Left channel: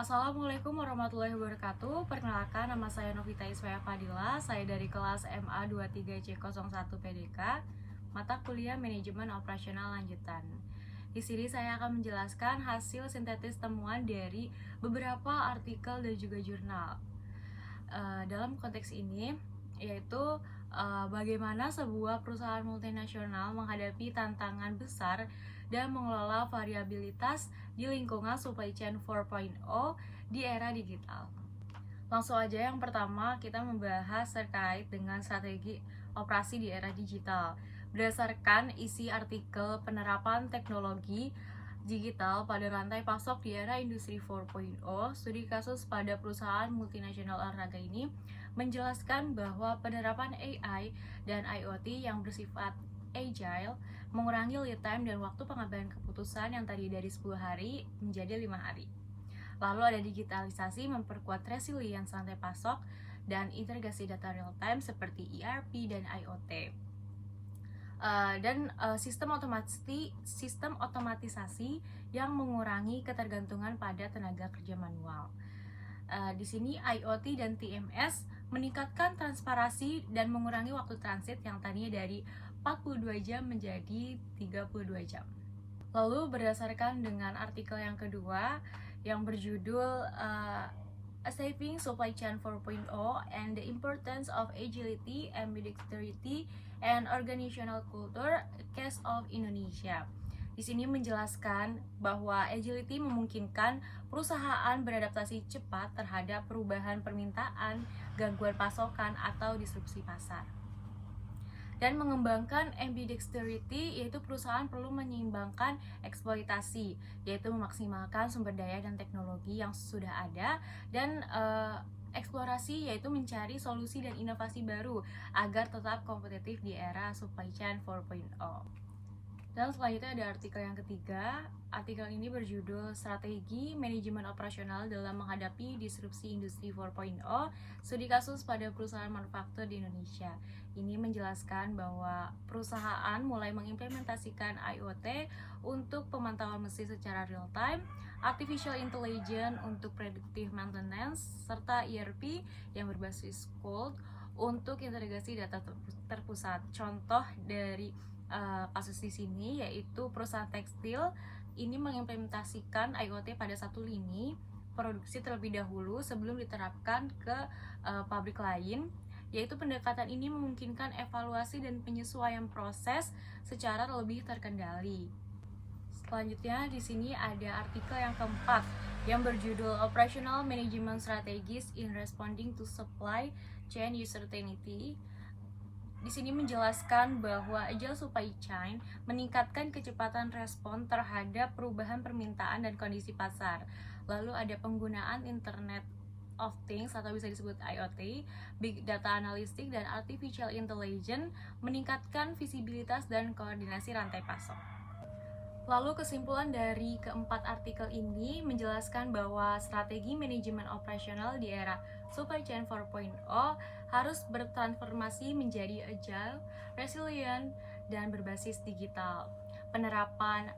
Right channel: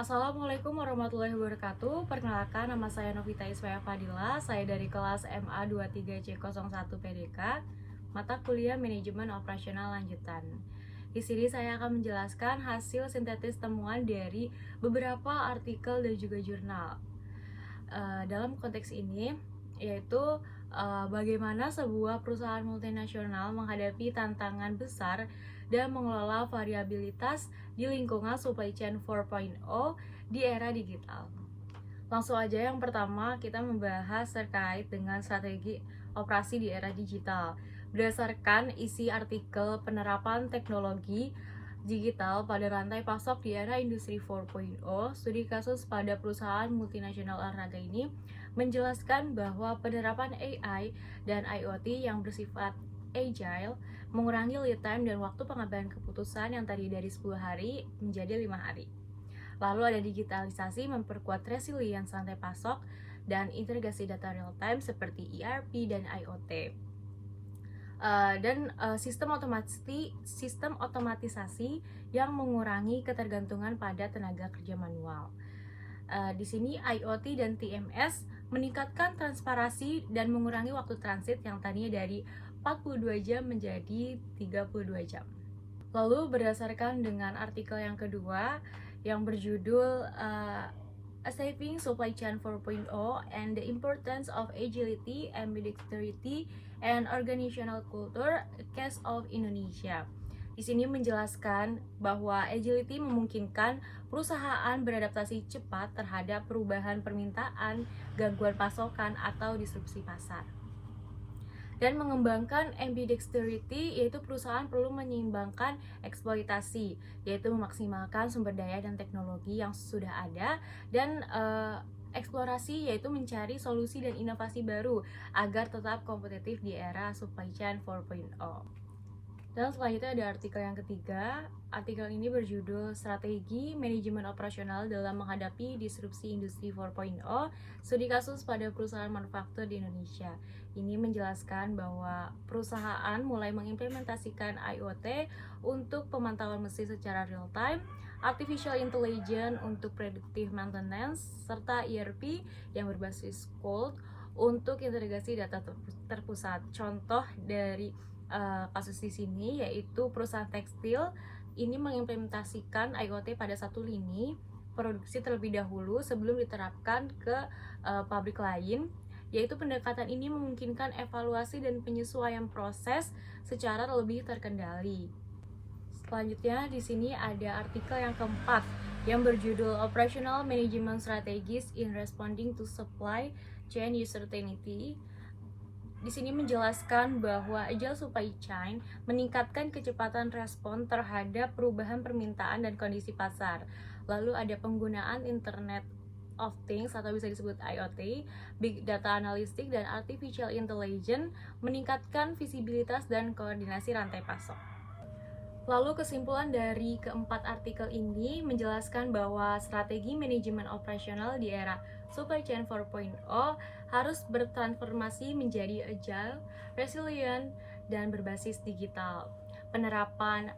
Assalamualaikum warahmatullahi wabarakatuh. Perkenalkan, nama saya Novita Iswaya Fadila. Saya dari kelas MA 23C01 PDK, mata kuliah Manajemen Operasional Lanjutan. Di sini saya akan menjelaskan hasil sintetis temuan dari beberapa artikel dan juga jurnal. Dalam konteks ini, yaitu bagaimana sebuah perusahaan multinasional menghadapi tantangan besar dan mengelola variabilitas di lingkungan supply chain 4.0 di era digital. Langsung aja, yang pertama kita membahas terkait dengan strategi operasi di era digital. Berdasarkan isi artikel penerapan teknologi digital pada rantai pasok di era industri 4.0, studi kasus pada perusahaan multinasional olahraga ini menjelaskan bahwa penerapan AI dan IoT yang bersifat agile mengurangi lead time dan waktu pengambilan keputusan yang tadi dari 10 hari menjadi 5 hari. Lalu ada digitalisasi memperkuat resilience rantai pasok dan integrasi data real time seperti ERP dan IoT. Sistem otomatisasi yang mengurangi ketergantungan pada tenaga kerja manual. Di sini IoT dan TMS meningkatkan transparansi dan mengurangi waktu transit yang tadinya dari 42 jam menjadi 32 jam. Lalu berdasarkan dengan artikel yang kedua yang berjudul A Saving Supply Chain 4.0 and the Importance of Agility, Ambidexterity, and Organizational Culture, Case of Indonesia. Di sini menjelaskan bahwa agility memungkinkan perusahaan beradaptasi cepat terhadap perubahan permintaan, gangguan pasokan, atau disrupsi pasar. Dan mengembangkan ambidexterity, yaitu perusahaan perlu menyeimbangkan eksploitasi, yaitu memaksimalkan sumber daya dan teknologi yang sudah ada, dan eksplorasi, yaitu mencari solusi dan inovasi baru agar tetap kompetitif di era supply chain 4.0. Dan selanjutnya ada artikel yang ketiga. Artikel ini berjudul Strategi Manajemen Operasional dalam Menghadapi Disrupsi Industri 4.0, Studi Kasus pada Perusahaan Manufaktur di Indonesia. Ini menjelaskan bahwa perusahaan mulai mengimplementasikan IoT untuk pemantauan mesin secara real time, Artificial Intelligence untuk predictive maintenance, serta ERP yang berbasis cloud untuk integrasi data terpusat. Contoh dari kasus di sini yaitu perusahaan tekstil ini mengimplementasikan IoT pada satu lini produksi terlebih dahulu sebelum diterapkan ke pabrik lain, yaitu pendekatan ini memungkinkan evaluasi dan penyesuaian proses secara lebih terkendali. Selanjutnya di sini ada artikel yang keempat yang berjudul Operational Management Strategies in Responding to Supply Chain Uncertainty. Di sini menjelaskan bahwa agile supply chain meningkatkan kecepatan respon terhadap perubahan permintaan dan kondisi pasar. Lalu ada penggunaan Internet of Things atau bisa disebut IoT, Big Data Analytics, dan Artificial Intelligence meningkatkan visibilitas dan koordinasi rantai pasok. Lalu kesimpulan dari keempat artikel ini menjelaskan bahwa strategi manajemen operasional di era supply chain 4.0 harus bertransformasi menjadi agile, resilient, dan berbasis digital. Penerapan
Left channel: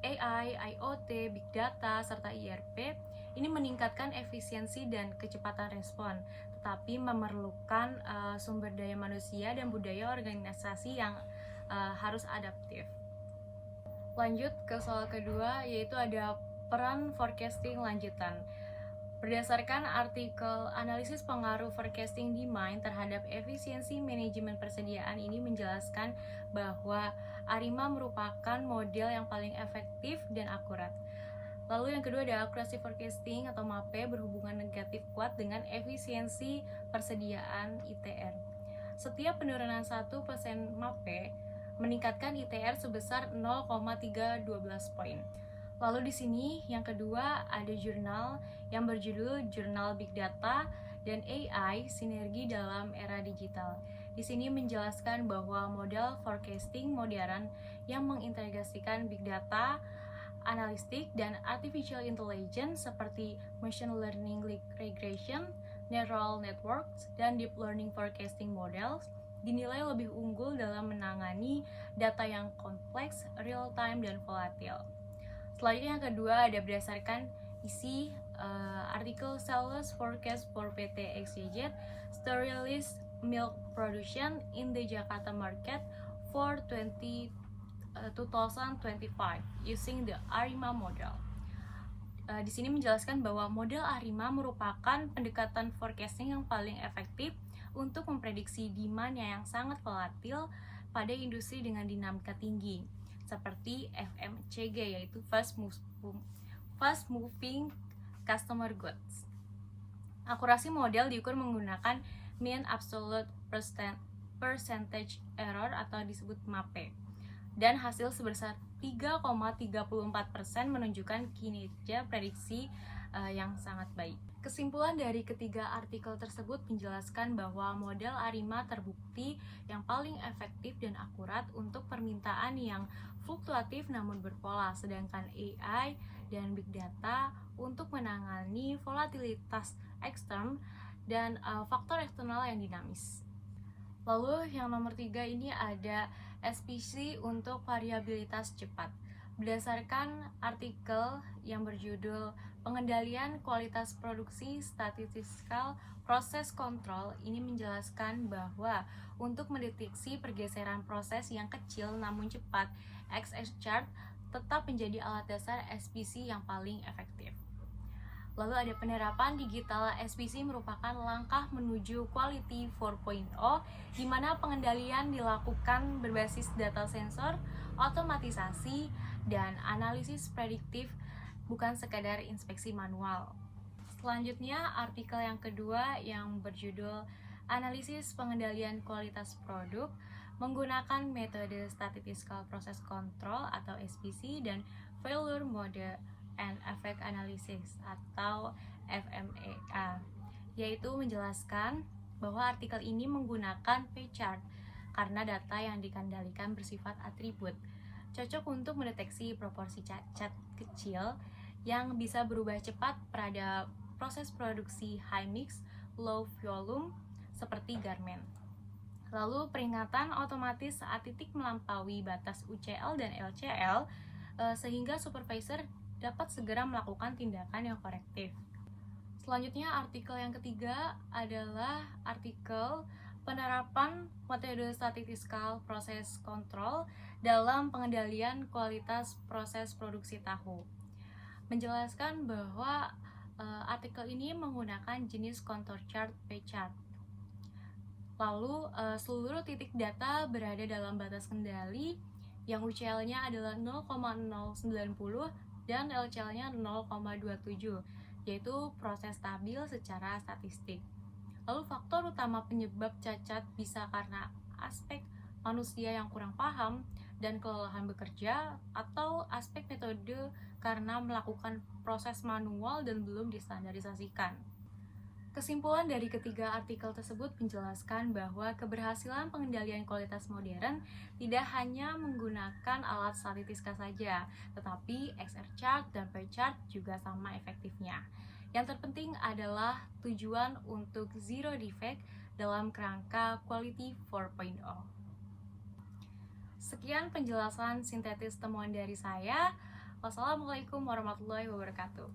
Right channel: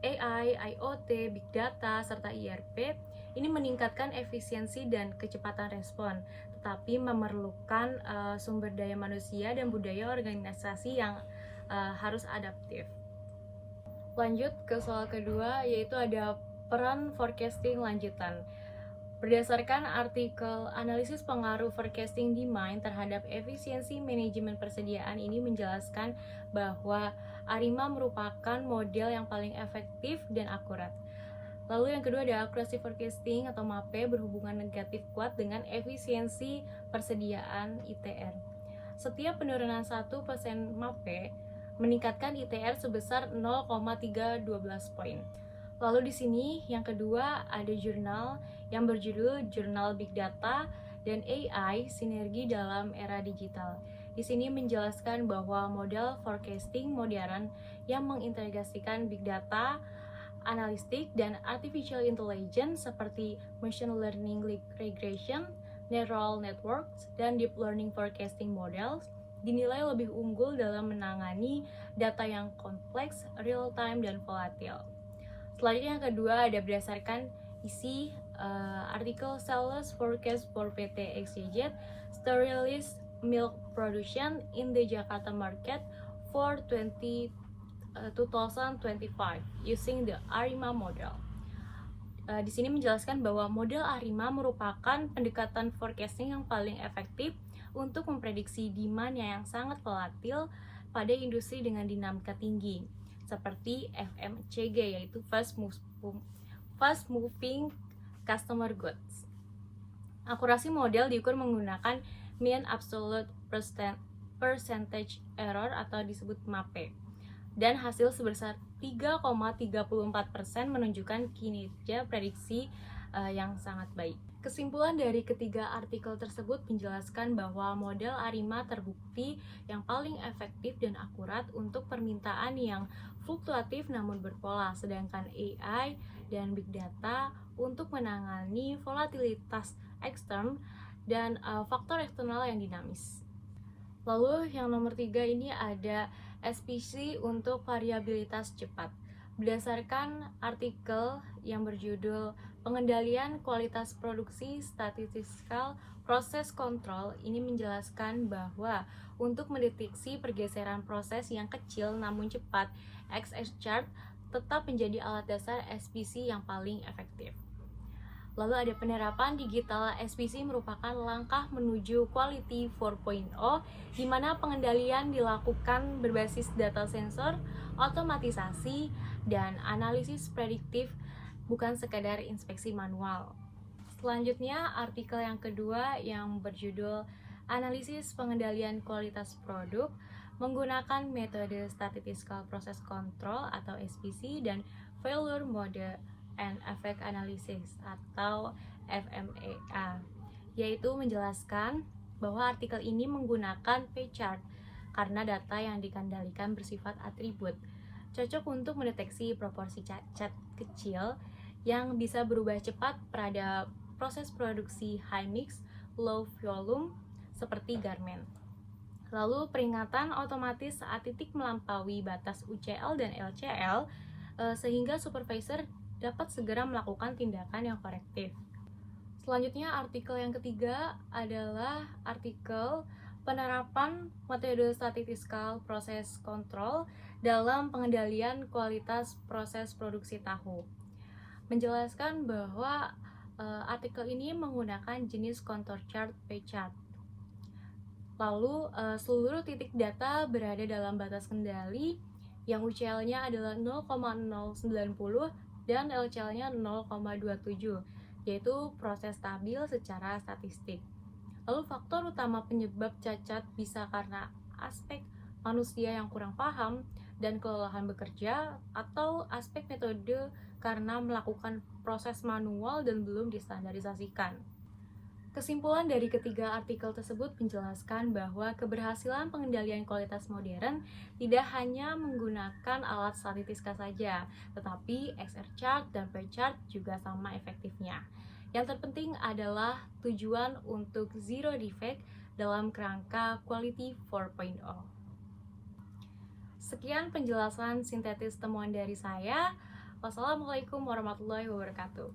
AI, IoT, Big Data, serta ERP ini meningkatkan efisiensi dan kecepatan respon, tetapi memerlukan sumber daya manusia dan budaya organisasi yang harus adaptif. Lanjut ke soal kedua, yaitu ada peran forecasting lanjutan. Berdasarkan artikel analisis pengaruh forecasting demand terhadap efisiensi manajemen persediaan ini menjelaskan bahwa ARIMA merupakan model yang paling efektif dan akurat. Lalu yang kedua ada accuracy forecasting atau MAPE berhubungan negatif kuat dengan efisiensi persediaan ITR. Setiap penurunan 1% MAPE meningkatkan ITR sebesar 0,312 poin. Lalu di sini yang kedua ada jurnal yang berjudul Jurnal Big Data dan AI Sinergi dalam Era Digital. Di sini menjelaskan bahwa model forecasting modern yang mengintegrasikan big data, analistik, dan artificial intelligence seperti machine learning regression, neural networks, dan deep learning forecasting models dinilai lebih unggul dalam menangani data yang kompleks, real time, dan volatil. Selanjutnya yang kedua ada berdasarkan Isi artikel Sales Forecast for PT XYZ Sterilist Milk Production in the Jakarta Market for 2025 using the ARIMA model. Di sini menjelaskan bahwa model ARIMA merupakan pendekatan forecasting yang paling efektif untuk memprediksi demand yang sangat volatil pada industri dengan dinamika tinggi, seperti FMCG, yaitu Fast Moving Customer Goods. Akurasi model diukur menggunakan Mean Absolute Percentage Error atau disebut MAPE, dan hasil sebesar 3,34% menunjukkan kinerja prediksi yang sangat baik. Kesimpulan dari ketiga artikel tersebut menjelaskan bahwa model ARIMA terbukti yang paling efektif dan akurat untuk permintaan yang fluktuatif namun berpola, sedangkan AI dan Big Data untuk menangani volatilitas ekstern dan faktor eksternal yang dinamis. Lalu yang nomor 3 ini ada SPC untuk variabilitas cepat. Berdasarkan artikel yang berjudul Pengendalian Kualitas Produksi Statistical Process Control, ini menjelaskan bahwa untuk mendeteksi pergeseran proses yang kecil namun cepat, XR-chart tetap menjadi alat dasar SPC yang paling efektif. Lalu ada penerapan digital SPC merupakan langkah menuju Quality 4.0 di mana pengendalian dilakukan berbasis data sensor, otomatisasi, dan analisis prediktif, bukan sekadar inspeksi manual. Selanjutnya, artikel yang kedua yang berjudul Analisis Pengendalian Kualitas Produk menggunakan metode Statistical Process Control atau SPC dan Failure Mode and Effect Analysis atau FMEA, yaitu menjelaskan bahwa artikel ini menggunakan P-chart karena data yang dikendalikan bersifat atribut, cocok untuk mendeteksi proporsi cacat kecil yang bisa berubah cepat pada proses produksi high mix, low volume seperti garment. Lalu peringatan otomatis saat titik melampaui batas UCL dan LCL sehingga supervisor dapat segera melakukan tindakan yang korektif. Selanjutnya, artikel yang ketiga adalah artikel penerapan metode Statistical Process Control dalam pengendalian kualitas proses produksi tahu. Menjelaskan bahwa artikel ini menggunakan jenis contour chart P-chart. Lalu seluruh titik data berada dalam batas kendali yang UCL-nya adalah 0,090 dan LCL-nya 0,27, yaitu proses stabil secara statistik. Lalu faktor utama penyebab cacat bisa karena aspek manusia yang kurang paham dan kelelahan bekerja, atau aspek metode karena melakukan proses manual dan belum distandarisasikan. Kesimpulan dari ketiga artikel tersebut menjelaskan bahwa keberhasilan pengendalian kualitas modern tidak hanya menggunakan alat statistika saja, tetapi XR-chart dan P-chart juga sama efektifnya. Yang terpenting adalah tujuan untuk zero defect dalam kerangka Quality 4.0. Sekian penjelasan sintetis temuan dari saya. Wassalamualaikum warahmatullahi wabarakatuh.